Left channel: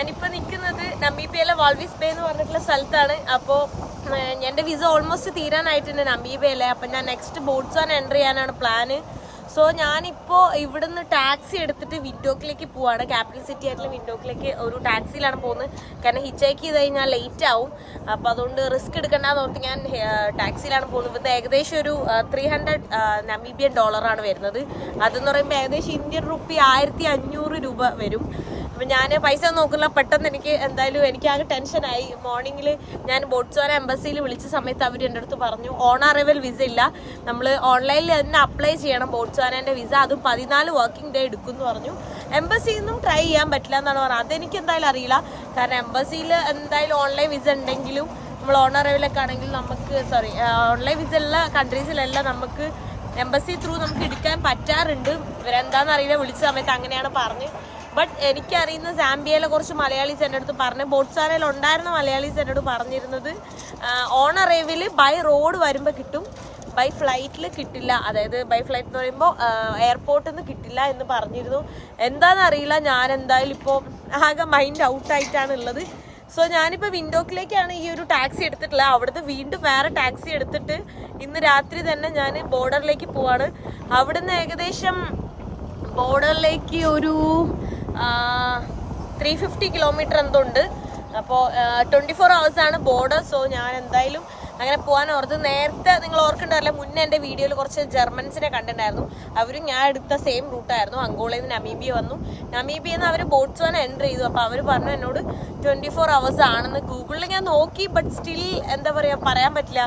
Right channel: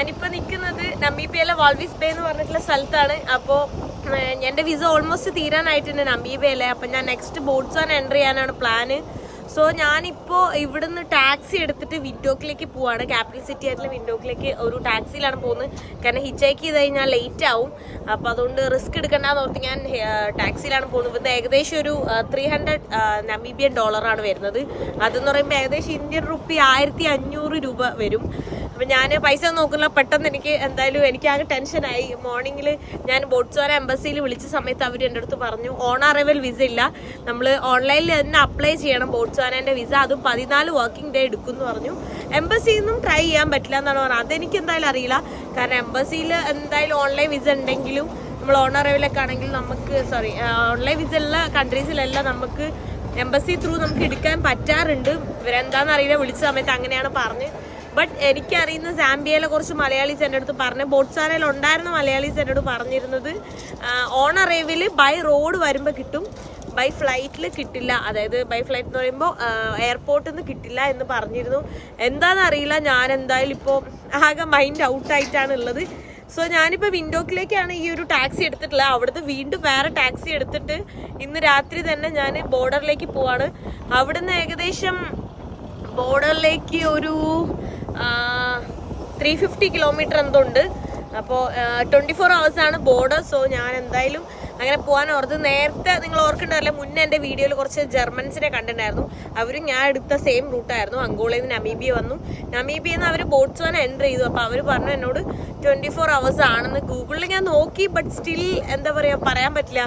ഞാനിപ്പോ നിൽക്കുന്നത് നമീബിയയിലെ വാൾവിസ് ബേ എന്ന് പറഞ്ഞിട്ടുള്ള സ്ഥലത്താണ്. അപ്പോൾ എന്റെ വിസ ഓൾമോസ്റ്റ് തീരാനായിട്ടുണ്ട് നമീബിയയിലെ. അപ്പം ഞാൻ നെക്സ്റ്റ് ബോട്ട്സാൻ എന്റർ ചെയ്യാനാണ് പ്ലാന് സോ ഞാനിപ്പോൾ ഇവിടുന്ന് ടാക്സി എടുത്തിട്ട് വിൻഡോക്കിലേക്ക് പോവാണ്. ക്യാപിറ്റൽ സിറ്റി ആയിട്ടുള്ള വിൻഡോക്കിലേക്ക് ഒരു ടാക്സിയിലാണ് പോകുന്നത്. കാരണം ഹിച്ചേക്ക് ചെയ്ത് കഴിഞ്ഞാൽ ലേറ്റ് ആവും. അപ്പോൾ അതുകൊണ്ട് റിസ്ക് എടുക്കണ്ടെന്ന് ഓർത്ത് ഞാൻ ടാക്സിയിലാണ് പോകുന്നത്. ഇവിടുന്ന് ഏകദേശം ഒരു ത്രീ ഹൺഡ്രഡ് നമീബിയൻ ഡോളറാണ് വരുന്നത്. അതെന്ന് പറയുമ്പോൾ ഏകദേശം ഇന്ത്യൻ റുപ്പി ആയിരത്തി അഞ്ഞൂറ് രൂപ വരും. അപ്പം ഞാൻ പൈസ നോക്കില്ല പെട്ടെന്ന് എനിക്ക് എന്തായാലും എനിക്ക് ആകെ ടെൻഷനായി മോർണിംഗിൽ ഞാൻ ബോട്ട്സോന എംബസിയിൽ വിളിച്ച സമയത്ത് അവർ എന്റെ അടുത്ത് പറഞ്ഞു ഓൺ അറൈവൽ വിസ ഇല്ല. നമ്മൾ ഓൺലൈനിൽ തന്നെ അപ്ലൈ ചെയ്യണം. ബോട്ട്സ്വാനന്റെ വിസ. അതും പതിനാല് വർക്കിംഗ് ഡേ എടുക്കും എന്ന് പറഞ്ഞു എംബസിയിൽ നിന്നും ട്രൈ ചെയ്യാൻ പറ്റില്ല എന്നാണ് പറഞ്ഞത്. അതെനിക്ക് എന്തായാലും അറിയില്ല. കാരണം എംബസിയിൽ എന്തായാലും ഓൺലൈൻ വിസ ഉണ്ടെങ്കിലും നമ്മൾ ഓൺ അറൈവലൊക്കെ ആണെങ്കിൽ നമുക്ക് സോറി ഓൺലൈൻ വിസ ഉള്ള കൺട്രീസിലെല്ലാം നമുക്ക് എംബസി ത്രൂ നമുക്ക് എടുക്കാൻ പറ്റാറുണ്ട്. ഇവരെന്താണെന്ന് അറിയില്ല. വിളിച്ച സമയത്ത് അങ്ങനെയാണ് പറഞ്ഞ്. ബട്ട് എനിക്കറിയുന്ന സാംബിയയിലെ കുറച്ച് മലയാളീസ് എന്റെ അടുത്ത് പറഞ്ഞു. ബോട്ട്സാനയിൽ ഉണ്ടായിരുന്ന മലയാളീസ് എന്നോട് പറഞ്ഞിരുന്നത് ഓൺ അറൈവിൽ ബൈ റോഡ് വരുമ്പോൾ കിട്ടും. ബൈ ഫ്ലൈറ്റിൽ കിട്ടില്ല. അതായത് ബൈ ഫ്ലൈറ്റ് എന്ന് പറയുമ്പോൾ എയർപോർട്ടിൽ നിന്ന് കിട്ടില്ല എന്ന് പറഞ്ഞിരുന്നു. എന്താണെന്ന് അറിയില്ല ഞാൻ എന്തായാലും ഇപ്പോൾ ആകെ മൈൻഡ് ഔട്ടായിട്ടാണ് ഉള്ളത് സോ ഞാനിപ്പോൾ വിൻഡോക്കിലേക്കാണ് ഈ ഒരു ടാക്സി എടുത്തിട്ടുള്ളത്. അവിടുന്ന് വീണ്ടും വേറെ ടാക്സി എടുത്തിട്ട് ഇന്ന് രാത്രി തന്നെ ഞാൻ ബോർഡറിലേക്ക് പോവാണ്. അവിടുന്ന് ഏകദേശം ബോർഡറിലേക്ക് ഒരു ത്രീ ഫിഫ്റ്റി കിലോമീറ്റർ എന്തോ ഉണ്ട്. അപ്പോൾ ട്വന്റി ഫോർ ആണ് ബോർഡർ സോ ഞാൻ എന്തായാലും അങ്ങനെ പോകാൻ ഓർത്ത് നേരത്തെ നിങ്ങൾ ഓർക്കണ്ടല്ലേ മുന്നേ എന്റെ വീഡിയോയിൽ കുറച്ച് ജർമ്മൻസിനെ കണ്ടിട്ടുണ്ടായിരുന്നു. അവരും ഞാൻ എടുത്ത സെയിം റൂട്ടായിരുന്നു അങ്കോളയിൽ നിന്ന് നമീബിയ വന്നു. നമീബിയ നിന്ന് അവർ ബോട്ട്സ്വാന എന്റർ ചെയ്തു. അപ്പോൾ അവർ പറഞ്ഞു എന്നോട് ട്വന്റി ഫോർ അവേഴ്സ് ആണെന്ന് ഗൂഗിളിൽ ഞാൻ നോക്കി ബട്ട് സ്റ്റിൽ എന്താ പറയുക പറയാൻ പറ്റില്ല.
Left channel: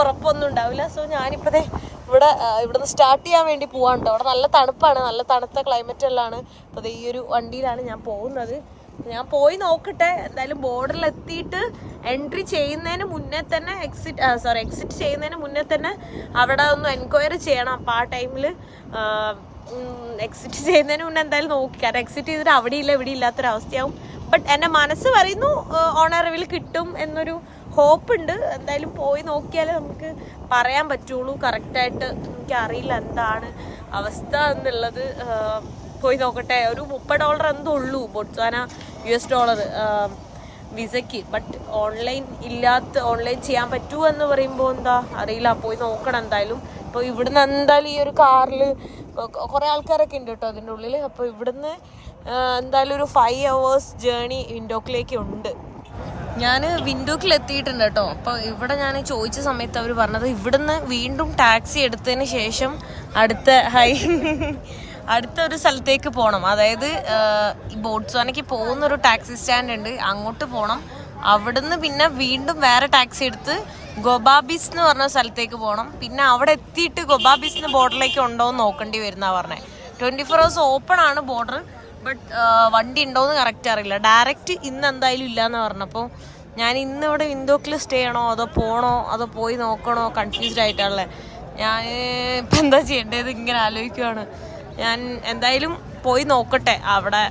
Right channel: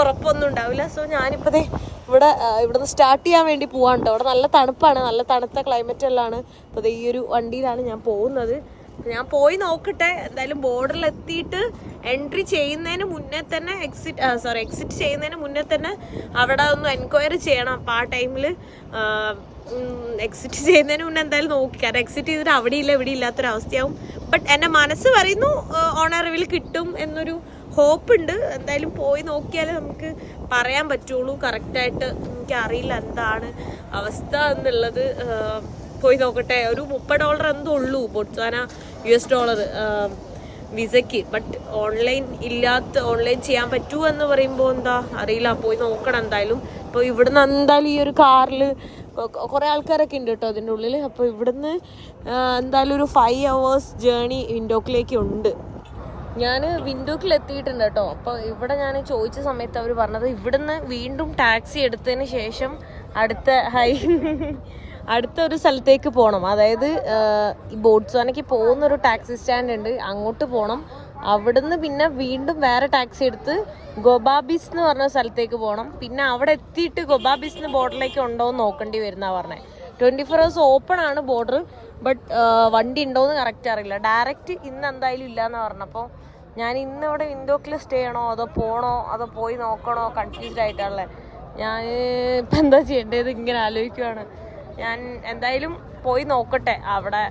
ഉറപ്പൊന്നും ഉണ്ടാവില്ല. സോ ഞാനിപ്പോൾ ഇവിടെ ഇവിടുന്ന് സ്റ്റാർട്ട് ചെയ്യാൻ വേണ്ടി പോവാണ്ടോ അവിടെ നല്ല തണുപ്പാണ് നല്ല തണുത്ത ക്ലൈമറ്റ് എല്ലാമാണ് അപ്പോൾ ഈ ഒരു വണ്ടിയിലാണ് ഞാൻ പോകുന്നത്. ഞാൻ പോയി നോക്കട്ടെ. എന്തായാലും ബോർഡറിൽ എത്തിയിട്ട് എൻട്രി ചെയ്യുന്നതിന് മുന്നേ തന്നെ എക്സിറ്റ് സോറി എക്സിറ്റ് ചെയ്യുന്നതിന് മുന്നേ തന്നെ അവിടെ ഒന്ന് എൻക്വയറി ചെയ്യണം. അപ്പോൾ ആ ടൈമിൽ എക്സിറ്റ് ചെയ്യുന്നതിന് മുന്നേ എന്തായാലും നോക്കി. കാരണം എക്സിറ്റ് ചെയ്തിട്ട് അവിടെ ഇല്ല ഇവിടെ ഇല്ലാത്തൊരവസ്ഥയാവും ബട്ട് എന്റെ മനസ്സ് പറയുന്നു ഓണറിവിൽ കിട്ടും എന്നൊരു ഹോപ്പ് ഉണ്ട്. എന്തായാലും പോയി നോക്കിയാൽ നമുക്ക് പറയാൻ പറ്റുള്ളൂ. കറക്റ്റായിട്ട് എനിക്കറിയില്ല എന്താണ് അവസ്ഥ എന്നുള്ളത്. പോയി നോക്കട്ടെ. ഒരു മുപ്പത് ഡോളർ എന്തോ ഉള്ളൂ ബൊട്സാന യു എസ് ഡോളർ വിസയ്ക്ക്. ബട്ട് ഓൺലൈൻ ഇല്ലാത്ത ഓൺലൈൻ ചെയ്യാൻ പറ്റുമോ എന്ന് പറയുമ്പോൾ എന്താ? അറിയില്ല. പോയി നോക്കണം എന്തായാലും. ഇപ്പോൾ ഇവിടുന്ന് എന്തായാലും ഈ ഒരു കാറിൽ കുറേ ആൾക്കാരൊക്കെ ഉണ്ട് കേട്ടോ അതിന്റെ ഉള്ളിൽ അപ്പോൾ ഇവിടുന്ന് എന്തായാലും ഒരു ഫൈവ് അവേഴ്സ് ജേണി വിൻഡോക്കിലേക്ക് ഉണ്ട്. ഞാൻ വിൻഡോക്കിൽ എത്തിയിട്ടുണ്ട് കേട്ടോ. അപ്പോൾ ഇവിടെ ഞാൻ ചോദിച്ച സമയത്ത് അവർ പറഞ്ഞത് ഇവിടുന്ന് വീണ്ടും ടാക്സി എടുത്തതിന് ശേഷം അടുത്ത ഹൈ അടുത്ത ഒരു സ്ഥലത്തേക്ക് പോകണം അതായത് ഈ ബോട്ട്സ്വാനയ്ക്ക് പോകുന്ന ഒരു ടാക്സി സ്റ്റാൻഡ് ഉണ്ട് അങ്ങോട്ട് പോകണം അവിടുന്ന് പിന്നെ വീണ്ടും വേറെ ടാക്സി എടുത്ത് ഗൊബാബിസ് എന്ന് പറഞ്ഞ സ്ഥലത്തേക്ക് പോകണം പിന്നെ അവിടെ എത്തിയിട്ട് ഗൊബാബിസിന് ബോർഡറിലേക്ക് ഉണ്ടോ എന്ന് നോക്കേണ്ടി വരുന്ന പറഞ്ഞത് ട്വന്റി ഫോർ ഹവേഴ്സ് ഓപ്പൺ ആണ് ബോർഡർ. ബട്ട് വണ്ടി ഉണ്ടോയെന്ന് കറക്റ്റ് അറിയില്ല. ഡയറക്റ്റ് ഇന്ന് എന്തായാലും ഇല്ലയെന്ന് പറഞ്ഞപ്പോൾ ഞാൻ ഇന്ന് ഇവിടെ വിൻഡോക്കിൽ സ്റ്റേ ചെയ്യണോ? അതോ പോകണോ അതോ പോയി നോക്കണോ? കൺഫ്യൂസ്ഡ് ആയിട്ടാണല്ലേ. ഞാൻ ഇപ്പം എന്താ ചെയ്യേണ്ടത്? ഇങ്ങനെ ആലോചിക്കുവാണ്. ഞാൻ എന്തായാലും പോയി നോക്കട്ടെ അവിടെ.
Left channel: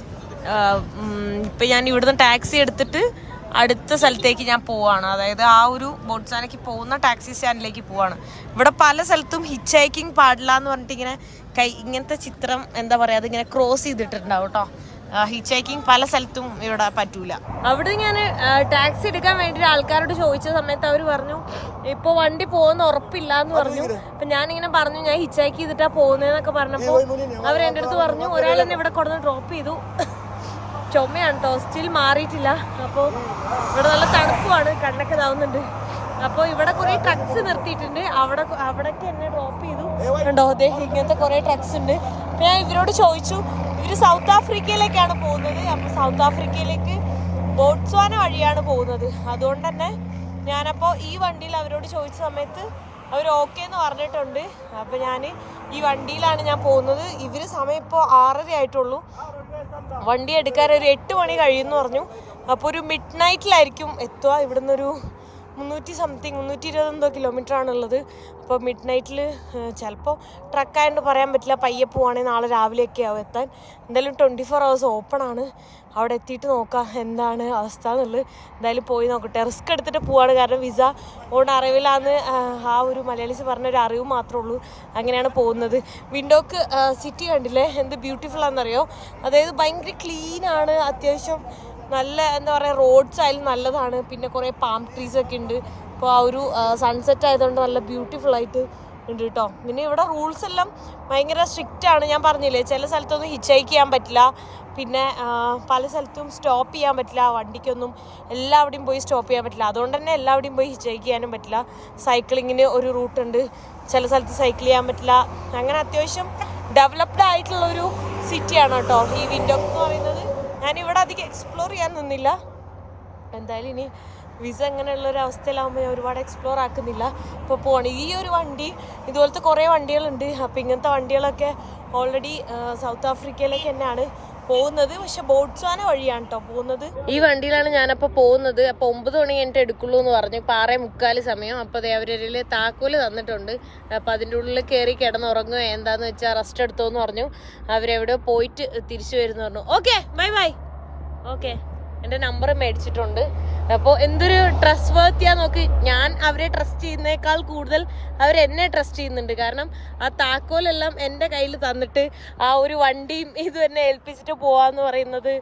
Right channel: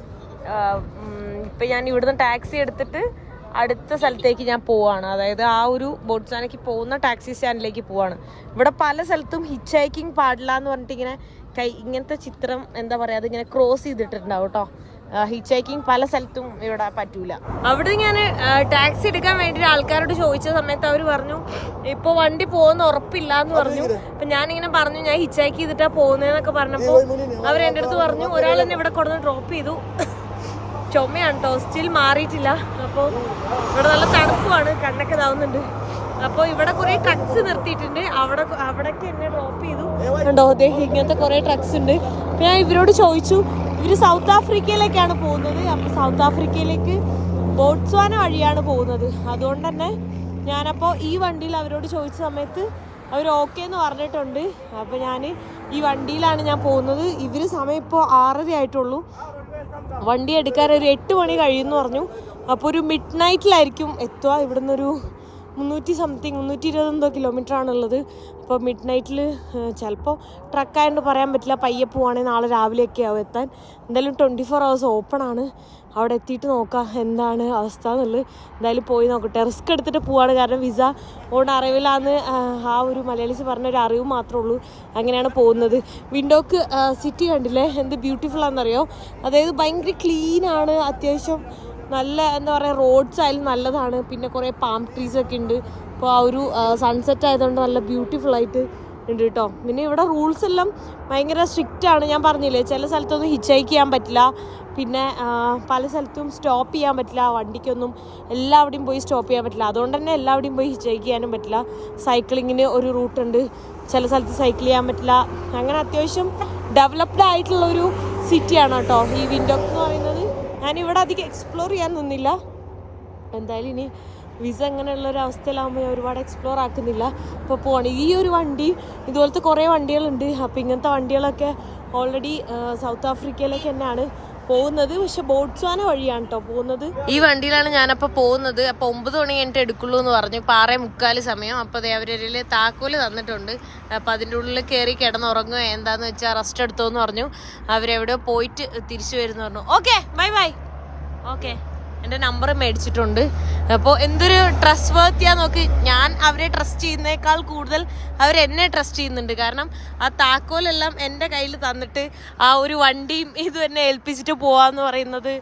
ഇപ്പം ഞാൻ ഇവിടുന്ന് ടാക്സി എടുത്തിട്ട് അടുത്ത സ്ഥലത്തേക്ക് ഞാൻ പോവാണ്. അതായത് ആ ഒരു ബോട്ട്സാനയ്ക്ക് പോകുന്ന ടാക്സി സ്റ്റാൻഡിലേക്ക് പോവാണ്. ഇവിടെ പല സ്ഥലത്തും ഹിച്ച് ഹൈക്കിംഗ് പാടില്ല എന്ന് പറഞ്ഞിട്ട് ഇങ്ങനെ കൈ ഇങ്ങനത്തെ ചിത്രം എന്താ പറയുക അതിങ്ങനെ ക്രോസ് ചെയ്തിട്ടുണ്ടാവും കേട്ടോ ഹിച്ച് ഹൈക്കിംഗ് പല സ്ഥലത്തും ഇവിടെ പറ്റൂല. അവിടെ ഞാൻ ടാക്സി എടുക്കാൻ വേണ്ടി ആൾക്കാരോട് ചോദിച്ച സമയത്ത് അവർ പറഞ്ഞു ഇപ്പൊ വണ്ടി പോകുന്ന ഉറപ്പില്ല എന്ന് പറഞ്ഞു. അപ്പൊ ഞാനിങ്ങനെ പറഞ്ഞു ഞാൻ ഹിച്ച് ഹൈക്ക് ചെയ്തിട്ടാ പോകുന്നതെന്നൊക്കെ പറഞ്ഞപ്പോ അവർ എന്റെ അടുത്ത് പറഞ്ഞു ഒരാൾ എന്നെ ഇവിടെ കൊടുന്ന് ഡ്രോപ്പ് ചെയ്തു. ചുമയാണ് കേട്ടോ സ്റ്റിൽ മാറിയിട്ടില്ല. അപ്പോൾ ഇവിടെ നല്ല തണുപ്പാണ് കണ്ണൊക്കെ ഇതാവുന്നുണ്ട്. അപ്പോൾ ഇവിടെ കുറേ ട്രക്സ് നിർത്തിയിട്ടുണ്ട്. അവിടെ അവിടേക്ക് എന്നെ ഡ്രോപ്പ് ചെയ്തു. ഉണ്ടോ ഇങ്ങനത്തെ കുറേ ട്രക്സ് ഉണ്ട്. ഞാൻ ഇവരോട് ചോദിച്ചു ഇവർ സൗത്ത് ആഫ്രിക്കയിലേക്കാണ് പോകുന്നത്? അപ്പോൾ സൗത്ത് ആഫ്രിക്കയിലേക്ക് ബോട്ട്സ്വാന വഴിയാണ് പോകുന്നത്. അതുകൊണ്ട് തന്നെ ഞാനപ്പോൾ ഈ വണ്ടിയിൽ അവരോട് ചോദിച്ച സമയത്ത് അവർ ഓക്കെ എന്ന് പറഞ്ഞിട്ടുണ്ട്. അപ്പോൾ ഞാൻ ഈ വണ്ടിയിലാണ് ഞാൻ പോകുന്നത്. ഇവർ സമയം ഇപ്പോൾ ആറര ആയിട്ടുള്ളൂ. വണ്ടി എടുക്കാൻ ഒരു എട്ട് മണി കഴിയുമെന്ന് പറഞ്ഞു. അപ്പോൾ ഒരു മിഡ് നൈറ്റിലായിരിക്കും എത്തുക. ഇവിടുന്ന് ഒരു മുന്നൂറ്റി സംതിങ് മുന്നൂറ്റി ഇരുപത് എന്തോ കിലോമീറ്റർ ആണുള്ളത് അപ്പോൾ മിഡ് നൈറ്റിൽ ചിലപ്പോൾ ട്രക്കായതുകൊണ്ട് പറയാൻ പറ്റില്ല. പയ്യെ പോവുകയാണെങ്കിൽ നാളെ രാവിലെയൊക്കെ ആവും എത്താൻ. എന്തായാലും ട്വന്റി ഫോർ ഹവേഴ്സ് ഓപ്പൺ ആണ്. അവിടെ എത്തിയിട്ട് നോക്കാം എന്താണ് അവസ്ഥ എന്നുള്ളത്. എന്തായാലും പോയി നോക്കട്ടെ. റിസ്ക് എടുത്തിട്ട് പോവാണ്. കാരണം വിസ ഓൺ അറിവിലാന്ന് ആ ഒരു മലയാളീസ് പറഞ്ഞൊരു അറിവ് മാത്രമേ ഉള്ളൂ. അങ്ങനെയാണ് പോകുന്നത്. വിൻഡോക്ക് സിറ്റി കണ്ടില്ലേ? എന്ത് ബ്യൂട്ടിഫുൾ ആണെന്നറിയോ? അതായത് ഭയങ്കര ക്ലീനാണ് അത്യാവശ്യം നല്ല എന്താ പറയുക റോഡ്സ് ആയാലും നല്ലതാണ്. പിന്നെ കുറേ പാം ട്രീസ് ഒക്കെ ഉണ്ട്. അപ്പോൾ ആ ഒരു സൺസെറ്റ് ആയതുകൊണ്ട് നല്ല ബ്യൂട്ടിഫുൾ ആയിട്ട് ഉണ്ട് കേട്ടോ പിന്നെ ഇവിടെ റൂൾസ് എല്ലാം ഭയങ്കര സ്ട്രിക്റ്റ് ആണ്. ഞാൻ പറഞ്ഞില്ലേ ചില സ്ഥലത്തൊന്നും ഹിച്ചൈക്ക് ചെയ്യാൻ പറ്റില്ല. പിന്നെ പല സ്ഥലത്തും സ്റ്റോപ്പ് ചെയ്യാൻ പറ്റില്ല. വണ്ടിക്കൊന്നും എല്ലാവിടെയും പോയി സ്റ്റോപ്പ് ചെയ്യാൻ പറ്റില്ല. അതുകൊണ്ട് തന്നെ എല്ലാവിടെയും പോയി ഹിച്ചൈക്ക് ചെയ്യാനും പറ്റില്ല. സൈക്ലിങ്ങിന് ഒരു റൂട്ടുണ്ട് ചില സ്ഥലത്ത് സൈക്കിൾ ചെയ്യാൻ പറ്റില്ല. അങ്ങനെ അത്യാവശ്യം ഡെവലപ്ഡ് ആയിട്ടുള്ള ഒരു സിറ്റിയാണ് കേട്ടോ ഈ വിൻഡോ എന്ന് പറയുന്നത് ഞാൻ അധികം എക്സ്പ്ലോർ ചെയ്യാൻ നിന്നില്ല. എന്തായാലും ഇനി വിസ അങ്ങനെയുള്ള ഒരു അവസ്ഥയിലാകുമ്പോൾ ഞാൻ ഒരുപാട് എക്സ്പ്ലോർ ആക്കുന്നില്ല. ഇപ്പോൾ പോകണം ഈ ഒരു വണ്ടി ഇതുപോലത്തെ കുറേ വണ്ടികളുണ്ട്. അപ്പോൾ ഇങ്ങനത്തെ വണ്ടികളൊക്കെ ഓൾറെഡി സൗത്ത് ആഫ്രിക്കയിലേക്ക് തന്നെയാണ്. പോകുന്നത് പക്ഷെ ബോട്ട്സ്വാന വഴിയാണ് കേട്ടോ പോകുന്നത്. ഈ വണ്ടിയിലാണ് ഞാനപ്പോ പോകുന്നത്. അപ്പൊ ഒമ്പത് മണി കഴിഞ്ഞിട്ട് എടുക്കുള്ളൂ എന്ന് പറഞ്ഞു. പാറ മുക്കാൽ സമയം. അപ്പൊ ദേ അവരൊരു താക്കോൽ തന്നിട്ടുണ്ട്. അപ്പൊ അതിന്റെ ഉള്ളിൽ കയറി കിടന്നുറങ്ങുക എന്താന്ന് വെച്ചാൽ റെസ്റ്റ് എടുത്തോന്ന് പറഞ്ഞു. അവരെവിടെയോ പോയിട്ട് തിരിച്ചു വരുന്നു പറഞ്ഞു. Okay bye bye. ഓക്കെ. എന്റെ നമ്പർ മേടിച്ചിട്ടുണ്ട്. അപ്പോൾ എന്തൊരു ട്രസ്റ്റ് വർത്തിയാ നോക്ക്. ഞാൻ അവരെ ട്രസ്റ്റ് ചെയ്യുന്നേക്കാൾ കൂടുതൽ അവർ എന്നെ ട്രസ്റ്റ് ചെയ്യുന്നുണ്ട്. കാരണം ആ താക്കോലെല്ലാം എന്റെ കയ്യിൽ തന്നിട്ട് ആ ഒരു വണ്ടിയും ഇത് തന്നെ ഏൽപ്പിച്ചിട്ട് പോവാന്ന് പറയുന്നത്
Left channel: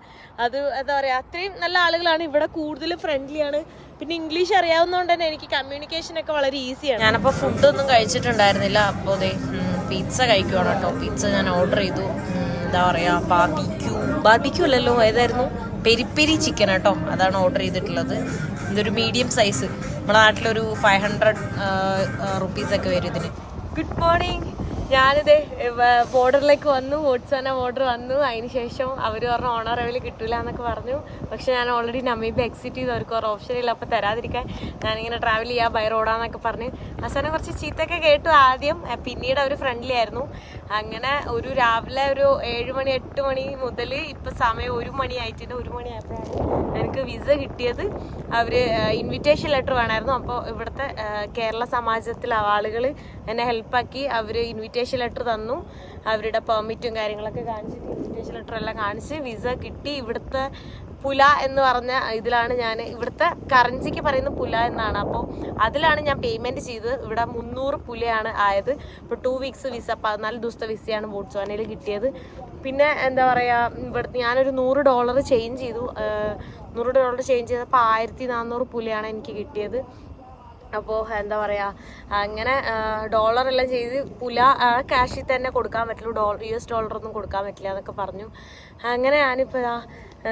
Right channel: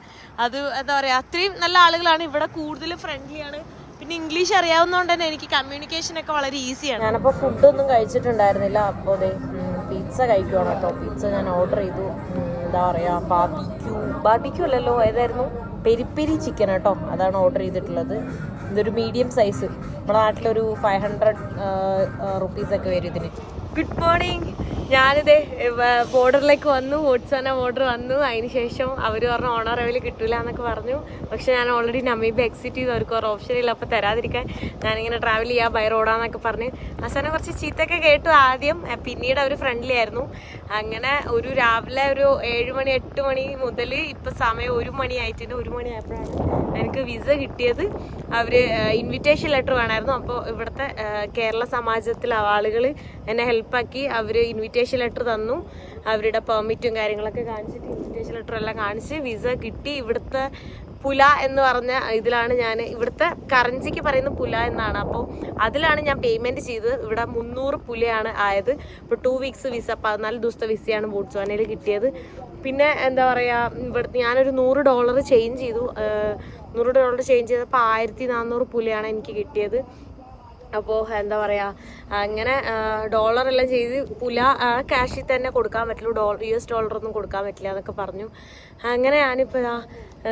അത് എന്താ പറയുക അത്രയും നല്ല ആളുകളാണ്. ഇവിടെ കൂടുതൽ ഫ്രണ്ട്ലിയാണ് പിന്നെ ഇംഗ്ലീഷ് അറിയാവുന്നതുകൊണ്ട് തന്നെ എനിക്ക് കമ്മ്യൂണിക്കേഷൻ ഒക്കെ വളരെ ഈസിയാണ് ഞാനപ്പോൾ ഫുഡൊന്നും കഴിച്ചിട്ടുണ്ടായിരുന്നില്ല. അപ്പോൾ അതെ പിസ്സ കഴിക്കുവാണ് കേട്ടോ. പിസ്സ ഞാൻ ഓർഡർ ചെയ്തു. എന്താ പറയുക ബാർബിക്യൂ ബാർബിക്യൂ അല്ലല്ലോ ഏതായിരുന്നു? പെരി പെരി ചിക്കൻ കേട്ടോ. അതാണ് ഓർഡർ ചെയ്തിട്ടുള്ളത്. ഇതൊരു മീഡിയം സൈസ് നമ്മുടെ നാട്ടിലൊരു ഫൈവ് ഹൺഡ്രഡ് റുപ്പീസൊക്കെ വരും ഇതിന്. ഗുഡ് മോർണിംഗ് ഞാനിത് ബോർഡറിലേക്ക് വന്നു വോട്ട്സാന ബോർഡർ വന്നു. അതിന് ശേഷം അവർ പറഞ്ഞ ഓണർ ലെവൽ കിട്ടൂല എന്നൊക്കെ പറഞ്ഞു. പക്ഷെ ഞാൻ ഓൾറെഡി നമീബ് എക്സിറ്റ് ചെയ്തു. അവർക്ക് ഒരു ഓപ്ഷൻ ഇല്ല. അപ്പോൾ തരാതിരിക്കാൻ ഞാനിങ്ങനെ ട്രാവൽ ചെയ്യാം ബൈ റോഡാന്നൊക്കെ പറഞ്ഞ്. അവസാനം കുറച്ച് ചീത്തൊക്കെ കേട്ടു ആദ്യം. പിന്നീട് അവർ ഫ്രണ്ട്ലി ആയിരുന്നു. അങ്ങനെ ഒരു രാവിലെ ഒരു ഏഴ് മണി എട്ട് മണി മുതൽ ഇപ്പം സമയം ഒരു മണി ആയിട്ടുണ്ട്. ഒരു മണി ആയപ്പോഴാണ് എനിക്ക് വിസ കിട്ടിയത്. അവർ ഇൻവിറ്റേഷൻ ലെറ്റർ വേണമായിരുന്നു അപ്പോൾ ഇവിടുത്തെ കേരള സമാജത്തിലെ ആളുകൾ എന്നെ ഹെൽപ്പാക്കി അവർ ഇൻവിറ്റേഷൻ ലെറ്റർ തന്നു. അവരുടെ പെർമിറ്റും കാര്യങ്ങളൊക്കെ കാണിച്ചിട്ട് ഇൻവിറ്റേഷൻ ലെറ്റർ എല്ലാം കാണിച്ച് വിസ കിട്ടി. ഇവിടുത്തെ പുല എന്ന് പറഞ്ഞ ഇതിലാണ് ഞാൻ ഇവിടുത്തെ കറൻസിക്ക് പറയുന്ന പുല എന്നാണ്. അപ്പോൾ അതിലാണ് ഞാൻ പേയ്മെന്റ് ചെയ്തത്. ഇവിടെ മുന്നൂറ് പുലയാണ് ആയത്. ഇപ്പോൾ ടു വീക്സ് വിസ പതിനാല് ദിവസത്തെ വിസയാണ് ബോട്ട്സ്വാനയിൽ കിട്ടിയത്. പിന്നെ എന്താ പറയുക ഇവിടുത്തെ ഞാനൊരു നൂറ് ഡോളർ ചേഞ്ച് ചെയ്തു. നൂറ് ഡോളർ ചേഞ്ച് ചെയ്തപ്പോൾ ആയിരത്തി നാനൂറ് പുലയാണ് എനിക്ക് കിട്ടിയത്. അപ്പോൾ എന്താ പറയുക അങ്ങനെ ഡോളർ എല്ലാം ചെയ്ത് പുല ക്യാഷിൽ തന്നെ കൊടുക്കാൻ പറ്റുള്ളൂ ഡോളർ യു എസ് ഡോളറൊന്നും കൊടുക്കാൻ പറ്റില്ല എന്നൊക്കെ പറഞ്ഞു. അങ്ങനെ ഞാനിപ്പോൾ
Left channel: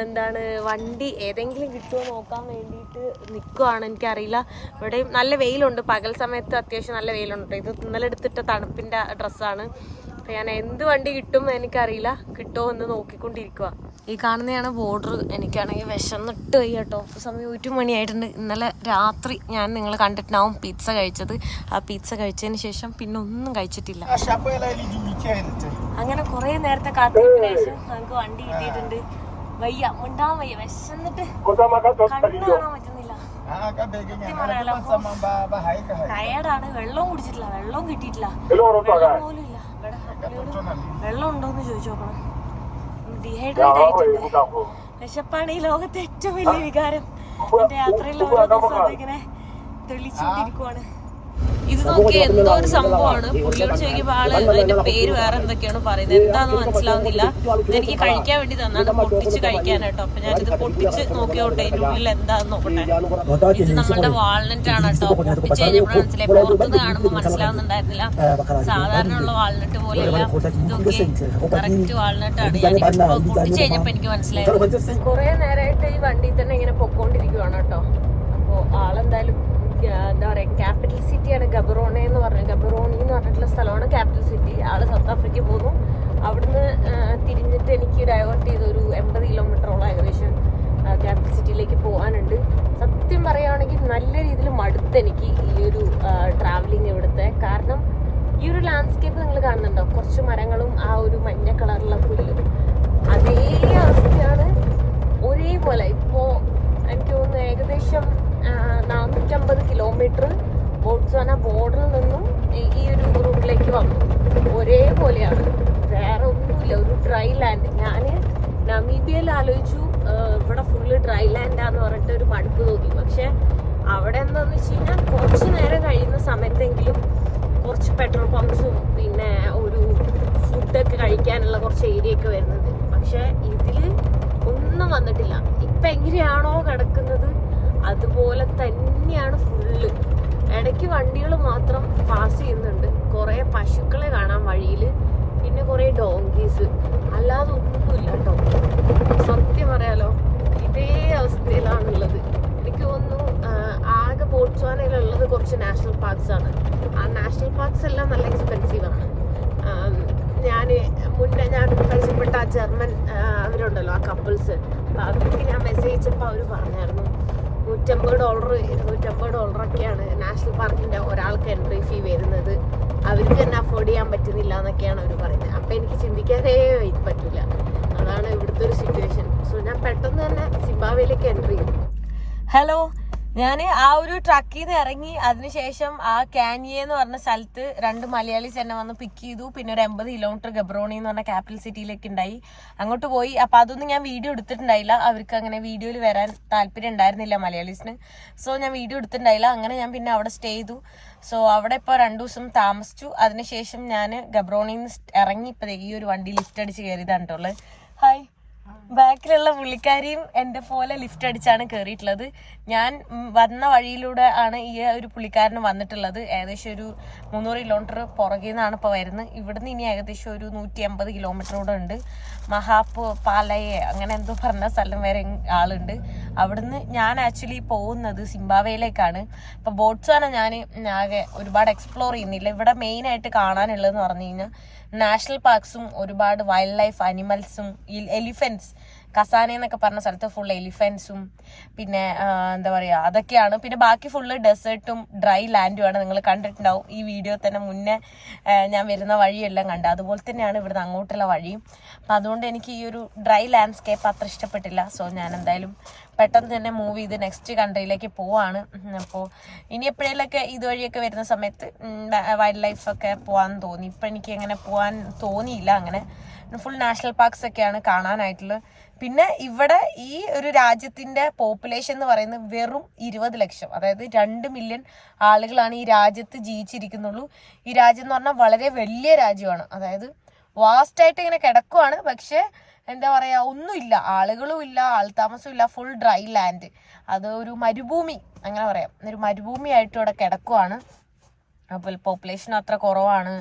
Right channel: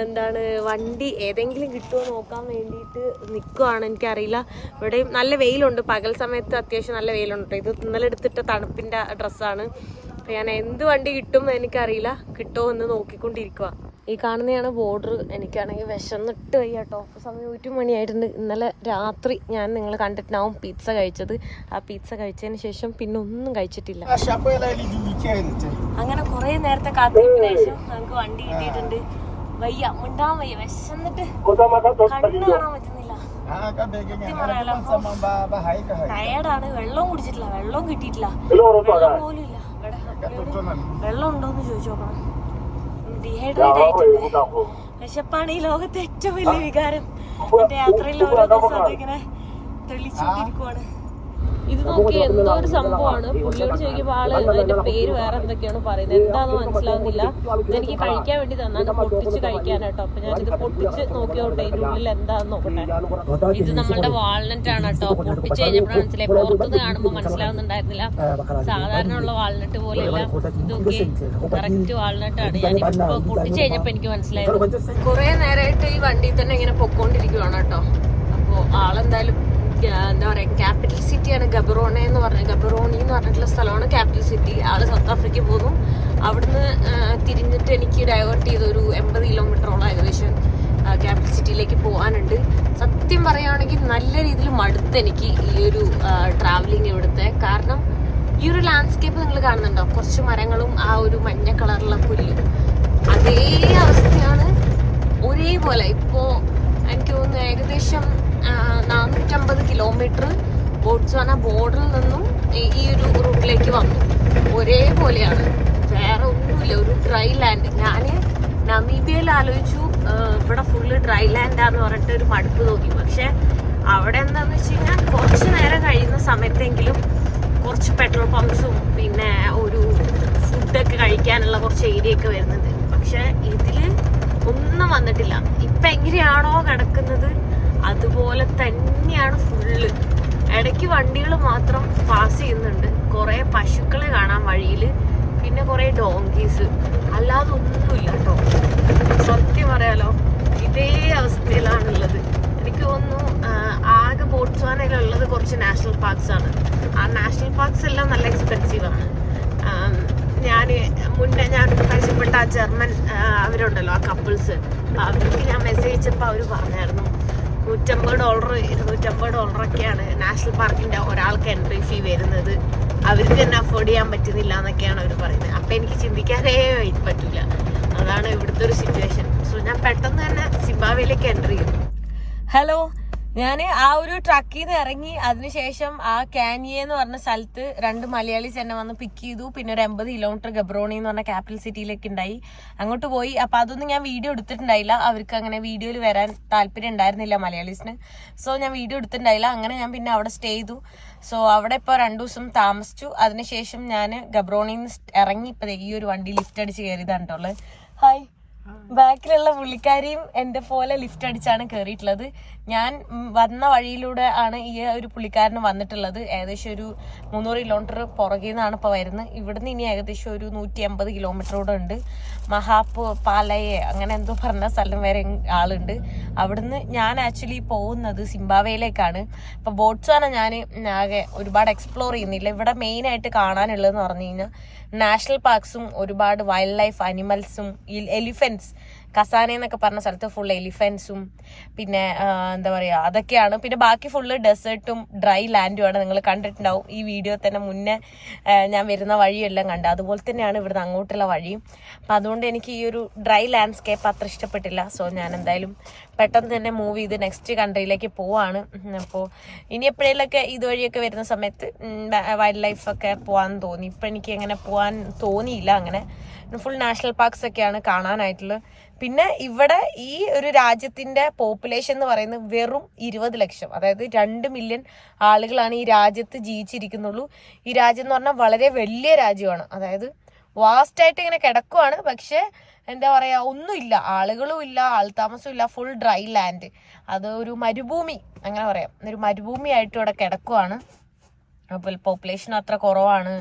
എന്താണ് വണ്ടി ഏതെങ്കിലും കിട്ടുമോ നോക്കാൻ വേണ്ടിയിട്ട് നിൽക്കുവാണ് എനിക്കറിയില്ല. ഇവിടെയും നല്ല വെയിലുണ്ട്. പകൽ സമയത്ത് അത്യാവശ്യം നല്ല വെയിലുണ്ട് ഇത് ഇന്നലെ എടുത്തിട്ട തണുപ്പിന്റെ ഡ്രസ്സാണ്. അപ്പോൾ ഞാൻ എന്ത് വണ്ടി കിട്ടും എനിക്കറിയില്ല. കിട്ടുമോ എന്ന് നോക്കിക്കൊണ്ടിരിക്കുക ഈ കാണുന്നതാണ് ബോർഡർ എനിക്കാണെങ്കിൽ വിശന്നിട്ട് വയ്യ കേട്ടോ. സമയം ഒരു മണിയായിട്ടുണ്ട്. ഇന്നലെ രാത്രി ഞാൻ നിങ്ങൾ കണ്ടിട്ടുണ്ടാവും പിസ്സ കഴിച്ചത്. ആ പിസ്സ കഴിച്ചതിന് ശേഷം പിന്നെ ഒന്നും കഴിച്ചിട്ടില്ല. അങ്ങനെ കുറെ നേരത്തെ കാത്തിരിപ്പിന് ശേഷം നമുക്ക് വണ്ടി കിട്ടിയിട്ടുണ്ട്. വയ്യ മുണ്ടാൻ വയ്യ വിശന്നിട്ട് കണ്ണു കാണാൻ പറ്റുന്നില്ല. ടയർഡാണ് വെള്ളവും കുടിച്ചിട്ടില്ല. വെള്ളവും കിട്ടിയിട്ടില്ല. വെള്ളം പോലും ഇല്ല വെള്ളം ഉണ്ടോന്ന് ചോദിച്ചു നോക്കണം. ഡീഹൈഡ്രേറ്റ് ആയിട്ടുണ്ട്. വിശപ്പാണ് ഈ ലോകത്തെ ഏറ്റവും വലിയ വികാരം. എന്റെ യാത്രയിൽ ഓരോ ദിവസം അതിങ്ങനെ തെളിച്ചുകൊണ്ടിരിക്കുവാണ്. ഇത് നോക്കി എന്തോ ഒരു സംഭവമാണ്. പുള്ളിയോട് ചോദിക്കുമ്പോൾ ആൾ അതിന്റെ പേര് വേറെ എന്തൊക്കെയാണ് പറയുന്നത്. എന്താന്ന് മനസ്സിലാവുന്നില്ല. ഇതെനിക്ക് കഴിക്കാൻ വേണ്ടി തന്നാണ് പൊട്ടിച്ച് കഴിക്കാനാട്ടോ അപ്പൊ ഞാനിത് പൊട്ടിച്ച് നോക്കിയോട്ടെ ഇതിന്റെ ഉള്ളിൽ എന്താന്ന് നോക്കട്ടെ. ഇത് നമ്മളുടെ വാൾനട്ട് ആണ് കേട്ടോ. പൊട്ടിച്ച് കഴിഞ്ഞപ്പോൾ മനസ്സിലായി പുറത്തുനിന്ന് കാണുമ്പോൾ മനസ്സിലാവുന്നുണ്ടായിരുന്നില്ല. സാധാരണ ഉള്ള വാൾനട്ട് പോലെയല്ല. ഇതൊക്കെ കറക്റ്റ് വാൾനട്ട് ആണ്. ഞാൻ ഇപ്പൊ പൊട്ടിച്ച് കഴിഞ്ഞപ്പോ എനിക്ക് മനസ്സിലായത്. കുറെ നേരമായിട്ട് ഈ വണ്ടിയിൽ തന്നെ ഇങ്ങനെ പൊക്കോണ്ടിരിക്കുവാണ് കേട്ടോ. അപ്പോ ആളെന്തായാലും എന്താ പറയുക ക്യാപിറ്റൽ സിറ്റിയാണ് ഗബറോണ എന്ന് പറഞ്ഞ ഗബറോണി എന്ന് പറഞ്ഞിട്ടുള്ള സ്ഥലമാണ് ക്യാപിറ്റൽ സിറ്റി ആൾ സൗത്ത് ആഫ്രിക്ക പോകും അവിടുന്ന് തിരിഞ്ഞിട്ട് എനിക്ക് ഡൈവേർട്ട് ചെയ്ത് ഒരു എൺപത് കിലോമീറ്ററോളം ഏകദേശം ക്യാപിറ്റൽ സിറ്റിയിലേക്ക് പോകാനുണ്ട്. സത്യം പറയുകയാണെങ്കിൽ നല്ല രീതിയിൽ മടുത്ത് എനിക്ക് ഈ ഒരു ട്രാവലിംഗ് ഇവിടുത്തെ. കാരണം ഈ ഒരു ലാൻഡ്സ്കേപ്പ് നിങ്ങൾ കാണുന്നുണ്ടോ? കുറച്ച് മരങ്ങളും ആ ഒരു മഞ്ഞ കളറുള്ള പുല്ലും. അതേ അവസ്ഥയാണ് ഒരേപോലെ. ഇപ്പോൾ എനിക്ക് തോന്നുന്നു ഏകദേശം നാനൂറ്റമ്പത് കിലോമീറ്റർ ബോട്ട്സ്വാന ബോർഡറിൽ നിന്നും ഈ- ഒരു റൂട്ടിലേക്ക് വന്നു. ഒരേപോലെയാണ്. വേറെ ഒന്നുമില്ല. ഒരു ഡ്രൈ ലാൻഡ് ഞാൻ നമീബിയയിൽ ആലോചിച്ചു ഇവിടെ ഫുള്ള് ഡ്രൈ ലാൻഡാന്ന് പറഞ്ഞിട്ട് ഒരു മടുപ്പ് തോന്നി. പക്ഷെ അവിടെ എന്താന്ന് വെച്ച് കഴിഞ്ഞാൽ കുറച്ച് നേരം കഴിയുന്ന സമയത്തെങ്കിലും കുറച്ച് പെട്രോൾ പമ്പ്സും പിന്നെ ഒരു ഫുഡൊക്കെ കഴിക്കാനുള്ള കുറച്ച് ഏരിയ ഒക്കെ വരുന്നുണ്ട്. പക്ഷെ ഇതിൽ ഒന്നും വന്നിട്ടില്ല. ഇപ്പം എങ്ങനെയാണോ കിടക്കുന്നത്? അതുപോലെ തന്നെയാണ് ഫുള്ള് ഇടയ്ക്ക് വണ്ടികൾ മാത്രം പാസ് ചെയ്യുന്നുണ്ട്. കുറേ പശുക്കളെ കാണാൻ വഴിയിൽ പിന്നെ കുറേ ഡോങ്കീസ് അല്ലാതെ ഒന്നുമില്ല കേട്ടോ സത്യം പറയാലോ ഇതേ അവസ്ഥയിലാണുള്ളത്. എനിക്ക് തോന്നുന്നു ആകെ ബോട്ട്സ്വാനയിലുള്ളത് കുറച്ച് നാഷണൽ പാർക്സ് ആണ്. ആ നാഷണൽ പാർക്സ് എല്ലാം നല്ല എക്സ്പെൻസീവ് ആണ്. ഞാൻ മുന്നേ ഞാൻ പരിചയപ്പെട്ട ആ ജർമ്മൻ അവരുണ്ടല്ലോ ആ കപ്പിൾസ് അവർക്ക് ഞാൻ മെസ്സേജ് അയച്ചപ്പോൾ അവർ പറഞ്ഞായിരുന്നു നൂറ്റമ്പത് ഡോളർ ഇരുന്നൂറ്റമ്പത് ഡോളറൊക്കെയാണ് നാഷണൽ പാർക്കിന്റെ ഒരാൾക്ക് എൻട്രി ഫീ വരുന്നത്. അവർക്ക് തന്നെ അഫോർഡ് ചെയ്യാൻ പറ്റുന്നില്ല എന്നൊക്കെയാണ് അവർ പറയുന്നത്. അപ്പം എനിക്ക് ചിന്തിക്കാനേ പറ്റൂല. അതാണ് ഇവിടുത്തെ ഒരു സിറ്റുവേഷൻ സോ ഞാൻ പെട്ടെന്ന് തന്നെ സിംബാവയിലേക്ക് എൻട്രി ചെയ്തു. ഹലോ ഞാൻ ആ ഒരു ട്രക്കിൽ നിന്ന് ഇറങ്ങി അതിനുശേഷം ആ കാനിയ എന്ന് പറഞ്ഞ സ്ഥലത്ത് രണ്ട് മലയാളീസ് എന്നെ വന്ന് പിക്ക് ചെയ്തു. പിന്നെ ഒരു എൺപത് കിലോമീറ്റർ ഗബ്രോണി എന്ന് പറഞ്ഞ ക്യാപിറ്റൽ സിറ്റിയിലേക്ക് ഉണ്ടായി. അങ്ങോട്ട് പോയി. അപ്പൊ അതൊന്നും ഞാൻ വീഡിയോ എടുത്തിട്ടുണ്ടായില്ല. അവർക്ക് അങ്ങനെ വീഡിയോയിൽ വരാൻ താല്പര്യം ഉണ്ടായിരുന്നില്ല മലയാളീസിന്. സോ ഞാൻ വീഡിയോ എടുത്തിട്ടുണ്ടായില്ല. അങ്ങനെ ഞാൻ പിന്നെ അവിടെ സ്റ്റേ ചെയ്തു. സോ അവിടെ ഇപ്പോൾ രണ്ടു ദിവസം താമസിച്ചു. അതിനുശേഷം ഞാൻ ഗബ്രോണിയിൽ ഇറങ്ങി ഇപ്പൊ ഈ ഒരു വണ്ടി ലിഫ്റ്റ് അടിച്ച് കയറിയതാണ് കേട്ടോ ഹായ് ബാക്കിലുള്ള പുള്ളിക്കാരിയും എന്റെ പോലെ ലിഫ്റ്റ് അടിച്ചാണ് കയറിയിട്ടുള്ളത് ഞാൻ വന്ന വഴിയിലൂടെ ആണ് ഈ ഒരു പുള്ളിക്കാരന് വന്നിട്ടുള്ളത്. ഏകദേശം ഒരു മുന്നൂറ് കിലോമീറ്റർ പുറകിൽ നിന്നാണ് ഇപ്പോൾ വരുന്നത്. ഇവിടുന്ന് ഇനി ഏകദേശം ഒരു നൂറ്റി അമ്പത് കിലോമീറ്ററോടെ ഉണ്ട്. മഹാപ്പു പാലയെ അങ്ങനെ എന്തോ പറഞ്ഞ സ്ഥലം വരെ ആളുണ്ട്. അവിടുന്ന് ഞാൻ ആക്ച്വലി പോകുന്നത് സിംബാവയിലേക്കാണ്. ഇപ്പൊ ബോട്ട്സാന ഞാൻ ആകെ ഒരുപാട് എക്സ്പ്ലോർ ചെയ്യുന്നില്ല. ഇവിടെ മെയിൻ ആയിട്ട് കാണാനുള്ളതെന്ന് പറഞ്ഞു കഴിഞ്ഞാൽ നാഷണൽ പാർക്സും ഒരുപാട് വൈൽഡ് ലൈഫ് അനിമൽസും എലിഫൻസ് കസാന എന്നൊക്കെ പറഞ്ഞ സ്ഥലത്ത് ഫുൾ എലിഫൻസും പിന്നെ എന്താ പറയുക അതൊക്കെയാണ്. പിന്നെ ബാക്കി ഫുള്ള് ഡെസേർട്ടും ഡ്രൈ ലാൻഡുമാണ് നിങ്ങൾ കണ്ടിട്ടുണ്ടാവും. ഈ വീഡിയോ തന്നെ മുന്നേ ഞാൻ വരുന്ന വഴിയെല്ലാം കണ്ടത് അതുപോലെ തന്നെയാണ് ഇവിടുന്ന് അങ്ങോട്ടുള്ള വഴിയും. അപ്പം അതുകൊണ്ട് എനിക്ക് ഈ ഒരു ഡ്രൈ ലാൻഡ്സ്കേപ്പ് അത്ര ഇഷ്ടപ്പെട്ടില്ല. സോ ഞാൻ എന്തായാലും പെട്ടെന്ന് തന്നെ മൂവ് ചെയ്ത് നെക്സ്റ്റ് കൺട്രിയിലേക്ക് പോവാണ്. അപ്പോൾ ഇനി എപ്പോഴേലൊക്കെ ഇതുവഴിയൊക്കെ വരുന്ന സമയത്ത് വൈൽഡ് ലൈഫൊക്കെ പോകാൻ തോന്നി. ഇപ്പം എനിക്ക് അങ്ങനെ പോകാൻ തോന്നിയില്ല അങ്ങനെ. ഫുൾ നാഷണൽ പാർക്സ് ഒക്കെയാണ് കാണാനായിട്ടുള്ളത്. പിന്നെ ഇവിടെ ഈ ഒരു രാജ്യത്തിന്റെ പോപ്പുലേഷൻ എന്ന് പറയുന്നത് വെറും ഇരുപത് ലക്ഷം. അതായത് രണ്ട് മില്യൺ ആളുകളാണ് ഈ രാജ്യത്ത് ജീവിച്ചിരിക്കുന്നുള്ളൂ. ഈ രാജ്യം എന്ന് പറഞ്ഞാൽ വളരെ വലിയ രാജ്യമാണ്. അതായത് വാസ്റ്റായിട്ട് ഇങ്ങനെ കിടക്കുവാണ്. പക്ഷെ എന്താ പറയാ ഒന്നുമില്ല. ആളുകളും ഇല്ല ആൾതാമസവും ഇല്ല. ഫുൾ ഡ്രൈ ലാൻഡ് അത് ഒരു മരുഭൂമി. അങ്ങനെ പറയാം. ഒരു മരുഭൂമി ആയിട്ട് ഇവിടെ കിടക്കുവാണ്. അപ്പോൾ പോപ്പുലേഷൻ അത്ര കുറവാണ്.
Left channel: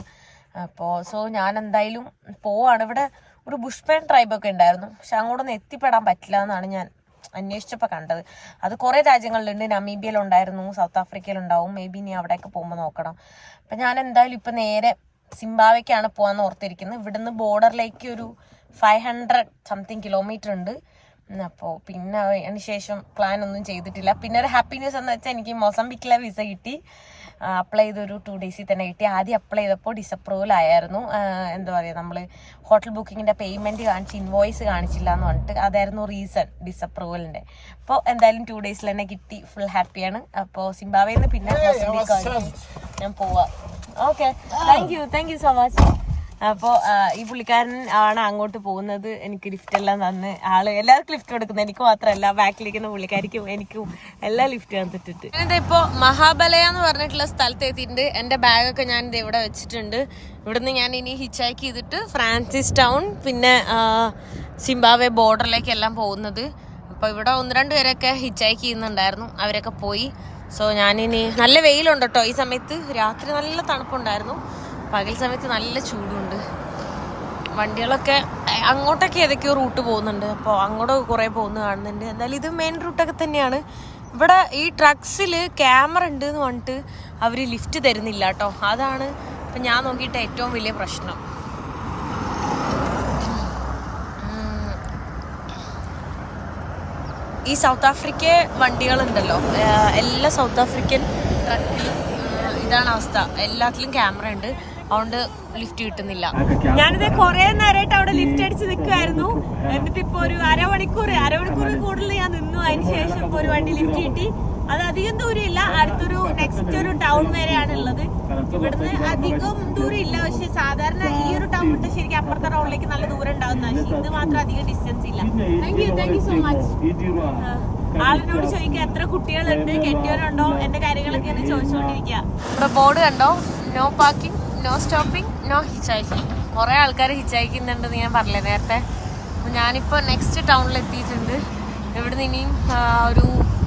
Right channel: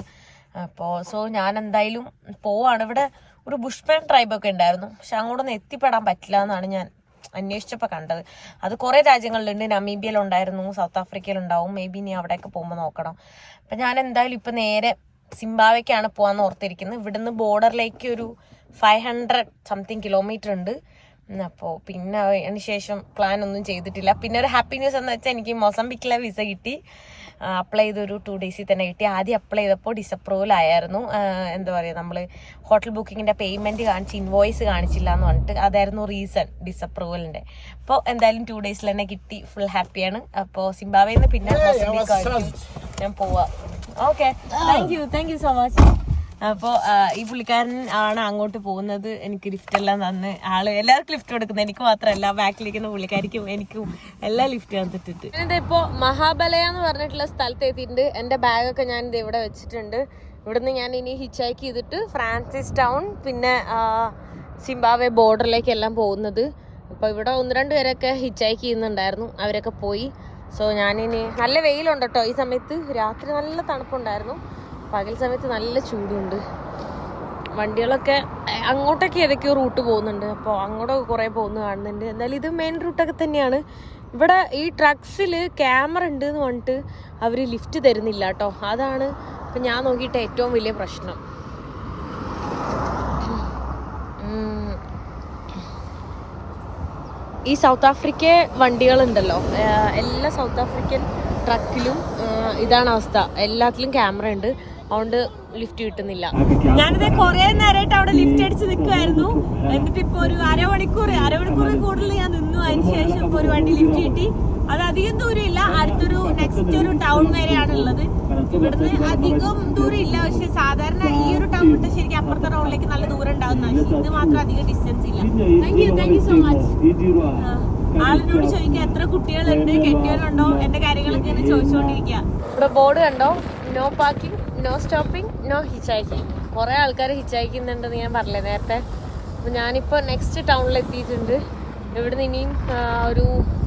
അപ്പോൾ സോ ഞാൻ എന്തായാലും പോവാണ് ഇവിടെ. ഒരു ബുഷ്മാൻ ട്രൈബൊക്കെ ഉണ്ടായിരുന്നു. പക്ഷെ അങ്ങോട്ടൊന്നും എത്തിപ്പെടാൻ പറ്റില്ല എന്നാണ് ഞാൻ അന്വേഷിച്ചപ്പോൾ കണ്ടത്. അത് കുറേ രാജ്യങ്ങളിലുണ്ട്. നമീബിയയിലുണ്ടായിരുന്നു സൗത്ത് ആഫ്രിക്കയിലുണ്ടാവും മേ ബി ഇനി അവിടെയൊക്കെ പോകുമ്പോൾ നോക്കണം. അപ്പം ഞാൻ എന്തായാലും ഇപ്പം നേരെ സിംബാവയ്ക്കാണ് പോകാമെന്ന് ഓർത്തിരിക്കുന്നത്. ഇവിടുന്ന് ബോർഡറിലേക്ക് ഒരു ഫൈവ് ഹൺഡ്രഡ് സംതിങ് കിലോമീറ്റർ ഉണ്ട്. അപ്പോൾ പിന്നെ അതിന് ശേഷം പ്ലാൻ ഒന്നും ചെയ്തിട്ടില്ല. പിന്നെ ഒരു ഹാപ്പി ന്യൂസ് എന്ന് വെച്ചാൽ എനിക്ക് മൊസംബിക്കിലെ വിസ കിട്ടി. അപ്ലൈ ചെയ്തൊരു ടു ഡേയ്സിൽ തന്നെ കിട്ടി. ആദ്യം അപ്ലൈ ചെയ്തപ്പോൾ ഡിസപ്രൂവൽ ആയിരുന്നു എന്താ പറയുക നമ്മൾ ഹോട്ടൽ ബുക്കിങ്ങിന്റെ പേയ്മെന്റ് കാണിച്ച് ഇൻവോയ്സ് കാണിച്ചില്ല എന്ന് പറഞ്ഞിട്ട് അതായിരുന്നു റീസൺ ഡിസപ്രൂവലിന്റെ അപ്പോൾ എന്തായാലും ടു ഡേയ്സിൽ തന്നെ കിട്ടി. ഫുൾ ഹാപ്പിയാണ് അപ്പോൾ സിംബാവയിൽ നിന്ന് പിന്നെ മൊസംബിക്കായിരിക്കും ഞാൻ പോവാം. Okay thank you thank you so much അപ്പോൾ ഈ പുള്ളിക്കാരൻ ആണ് അങ്ങോട്ട് പോകുന്നത്. എനിക്ക് ലിഫ്റ്റ് എല്ലാം തന്ന്. ആൾ എല്ലാവർക്കും ലിഫ്റ്റ് കൊടുക്കുന്നത് എനിക്ക് മാത്രമല്ല ബാക്കിലിരിക്കുന്ന പുള്ളിക്കാരിക്കും എനിക്കും എല്ലാം ലിഫ്റ്റ് തന്നിട്ടുണ്ട്. ഞാനിത് ഇപ്പോൾ മഹാബലയ എന്ന് പറഞ്ഞിട്ടുള്ള സ്ഥലത്ത് എത്തിയിട്ടുണ്ട്. എന്റെ ബാഗൊക്കെ ഞാൻ ഇത് ഇവിടെ വെച്ചിട്ടുണ്ട്. ഇവിടുന്ന് ഞാൻ ഇനി ഹിച്ച് ഹൈക്ക് ചെയ്തിട്ട് ഫ്രാൻസിസ് ടൗൺ പിന്നെ സിംബാവെ ബോർഡറിലേക്ക് എല്ലാം പോകുന്നത്. അപ്പോൾ ഇവിടെ ഒന്ന് രണ്ട് പേരൊക്കെ ഹൈക്ക് ചെയ്യുന്നുണ്ടായിരുന്നു. അവരൊക്കെ പോയി. സോ ഞാനിനി നല്ല വെയിലുണ്ട് കേട്ടോ. ഈ സമയത്ത് രാത്രി നല്ല തണുപ്പുണ്ടായിരുന്നു. പകൽ സമയത്ത് നല്ല ചൂടുണ്ട്. വണ്ടികളൊക്കെ അങ്ങോട്ടൊക്കെ ഏതൊക്കെയോ റൂട്ട് പോകുന്നുണ്ട്. അപ്പോൾ അങ്ങോട്ടൊക്കെ കുറേ പോകുന്നു കാണുന്നുണ്ട്. എന്തായാലും ഇത് മെയിൻ റൂട്ടൊക്കെ തന്നെയാണ്. ഇവിടെ ഈ ട്രക്സിൽ ക്യാമറ ഉണ്ട് എന്ന് പറഞ്ഞിട്ട് അവർ ലിഫ്റ്റ് തരുന്നില്ല കേട്ടോ അതാണ് ഇപ്പം ഞാൻ നോക്കിയിട്ട് ഏറ്റവും വലിയ പ്രശ്നം. ഈ സൗത്ത് ആഫ്രിക്ക വണ്ടികളുണ്ടല്ലോ. എല്ലാ സൗത്ത് ആഫ്രിക്കൻ ട്രക്കിലും ഇതാണ് അവസ്ഥ. എല്ലാത്തിലും ക്യാമറ ഉണ്ട്. അതുകൊണ്ട് ലിഫ്റ്റ് കിട്ടുന്നില്ല. ഞാനിത് കുറെ നേരമായിട്ട് അവിടെ ലിഫ്റ്റ് അടിച്ച് നിൽക്കുമായിരുന്നു എന്നിട്ട് ഇപ്പൊ ഒരു അരമണിക്കൂർ അരമണിക്കൂർ കൂടുതൽ ഞാൻ നിന്നു. അതിന് ശേഷം ഇപ്പൊ ഒരു വണ്ടി ലിഫ്റ്റ് കിട്ടി. അത് അധികം ദൂരം ഇല്ല അടുത്തൊരു നെക്സ്റ്റ് ഒരു ടൗൺ വരെയാണ് ഉള്ളത് ഇവിടുന്ന് അധികം ദൂരം ഇല്ല പക്ഷെ സാധാരണ ഈ ഒരു ടൗൺ വിട്ട് ശരിക്കും അപ്പുറത്തെ ടൗണിലേക്ക് നല്ല ദൂരം ഉണ്ടാവുന്ന പക്ഷെ ഇത് മാത്രം അധികം ഡിസ്റ്റൻസ് ഇല്ല. Thank you thank you so much ആളിനോട് ചോദിക്കുക എത്ര കുട്ടികളുണ്ട്? കെട്ടിയവരുണ്ടോ? എന്റെ കാര്യങ്ങളൊക്കെ ചോദിച്ചുകൊണ്ടിരിക്കുക ഇവിടെ ബോർഡ് കണ്ടോ? No parking no stopping no hitchhiking കുറേ ആൾക്കാർ ഹിച്ചാക്കുന്നുണ്ടെന്ന് ഞാൻ പറഞ്ഞില്ലേ നേരത്തെ. അപ്പോൾ ഞാനിപ്പോൾ നെക്സ്റ്റ് ടൗണിൽ എത്തിയിട്ടുണ്ട്. ഇവിടുന്ന് ഇനിയും ഒരു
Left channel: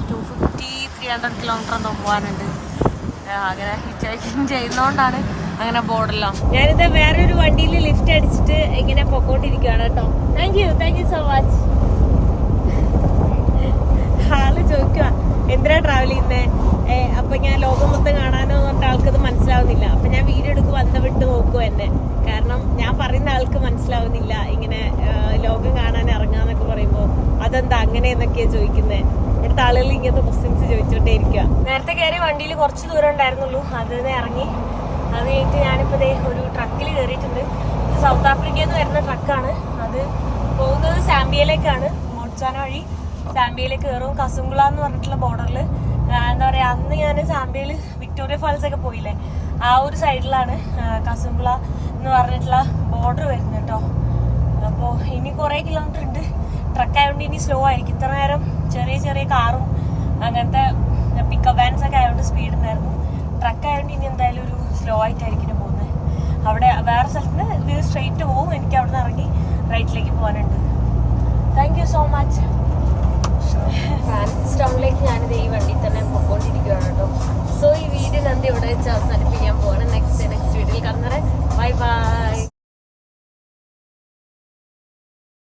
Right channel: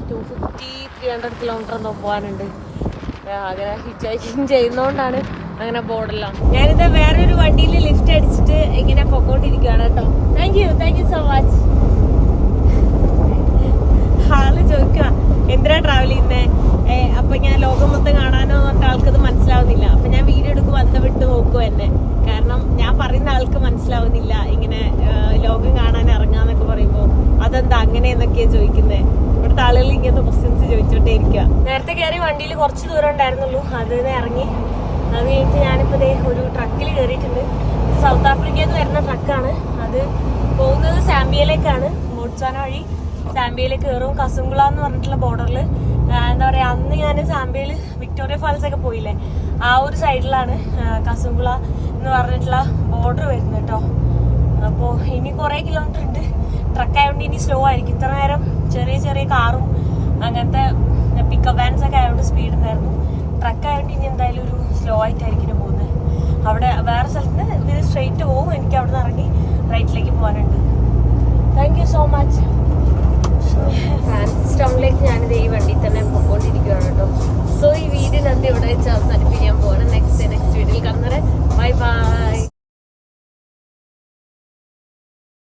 two fifty three hundred kilometre എന്തോ പോകാനുണ്ട് അങ്ങനെ ഹിച്ചാക്കിങ് ചെയ്യുന്നതുകൊണ്ടാണ് അങ്ങനെ ബോർഡെല്ലാം ഞാനിത് വേറൊരു വണ്ടിയിൽ ലിഫ്റ്റ് അടിച്ചിട്ട് ഇങ്ങനെ പൊക്കോണ്ടിരിക്കുകയാണ് കേട്ടോ. Thank you thank you so much ആൾ ചോദിക്കുക എന്തിനാ ട്രാവൽ ചെയ്യുന്നേ? അപ്പൊ ഞാൻ ലോകം മൊത്തം കാണാനോ പറഞ്ഞിട്ട് ആൾക്കത് മനസ്സിലാവുന്നില്ല. അപ്പൊ ഞാൻ വീഡിയോ എടുക്കുമ്പോൾ അന്ത വിട്ട് നോക്കും എന്നെ. കാരണം ഞാൻ പറയുന്ന ആൾക്ക് മനസ്സിലാവുന്നില്ല. ഇങ്ങനെ ലോകം കാണാൻ ഇറങ്ങാന്നൊക്കെ പറയുമ്പോ അതെന്താ അങ്ങനെ എന്നൊക്കെയാ ചോദിക്കുന്നത് ഇവിടുത്തെ ആളുകൾ ഇങ്ങനത്തെ ക്വസ്റ്റ്യൻസ് ചോദിച്ചോണ്ടേ ഇരിക്കുക നേരത്തെ കയറി വണ്ടിയിൽ കുറച്ച് ദൂരം ഉണ്ടായിരുന്നുള്ളൂ. നിന്ന് ഇറങ്ങി. അത് കഴിഞ്ഞിട്ട് ഞാനിപ്പോ ഒരു ട്രക്കിൽ കയറിയിട്ടുണ്ട് ഇത് സൗത്ത് ആഫ്രിക്കയിൽ നിന്ന് വരുന്ന ട്രക്കാണ്. അത് പോകുന്നത് സാമ്പിയയിലേക്കാണ് ബോട്ട്സാന വഴി സാമ്പിയയിലേക്ക് കയറും. കസുംഗുള എന്ന് പറഞ്ഞിട്ടുള്ള ബോർഡറിൽ എന്താ പറയാ അന്ന് ഞാൻ സാമ്പയിൽ വിക്ടോറിയ ഫാൾസ് ഒക്കെ പോയില്ലേ? ആ ഒരു സൈഡിലാണ് കസുംകുള എന്ന് പറഞ്ഞിട്ടുള്ള ബോർഡർ വരുന്നത് കേട്ടോ അപ്പോൾ ഇനി കുറേ കിലോമീറ്റർ ഉണ്ട്. ട്രക്ക് ആയതുകൊണ്ട് ഇനി സ്ലോ ആയിരിക്കും. ഇത്ര നേരം ചെറിയ ചെറിയ കാറും അങ്ങനത്തെ പിക്കപ്പ് വാൻസ് ഒക്കെ ആയതുകൊണ്ട് സ്പീഡ് ഉണ്ടായിരുന്നു. ട്രക്ക് ആയതുകൊണ്ട് ഇനി എന്തായാലും ഒരു സ്ലോ ആയിട്ടായിരിക്കും പോകുന്നത്. അവിടെ വേറെ സ്ഥലത്ത് നിന്ന് ഇത് സ്ട്രെയിറ്റ് പോകും എനിക്ക് അവിടെ നിന്ന് ഇറങ്ങി റൈറ്റിലേക്ക് പോകാനുണ്ട് thank you so much Francis ടൗണിലേക്ക് ഞാനിത് ഈ വണ്ടി തന്നെ പൊക്കോണ്ടിരിക്കുകയാണ് കേട്ടോ. സോ ഈ വീഡിയോ ഞാൻ ഇവിടെ വെച്ച് അവസാനിപ്പിക്കാൻ പോവാണ്. നെക്സ്റ്റ് നെക്സ്റ്റ് വീഡിയോയിൽ കാണുന്നവരെ ബൈ ബൈ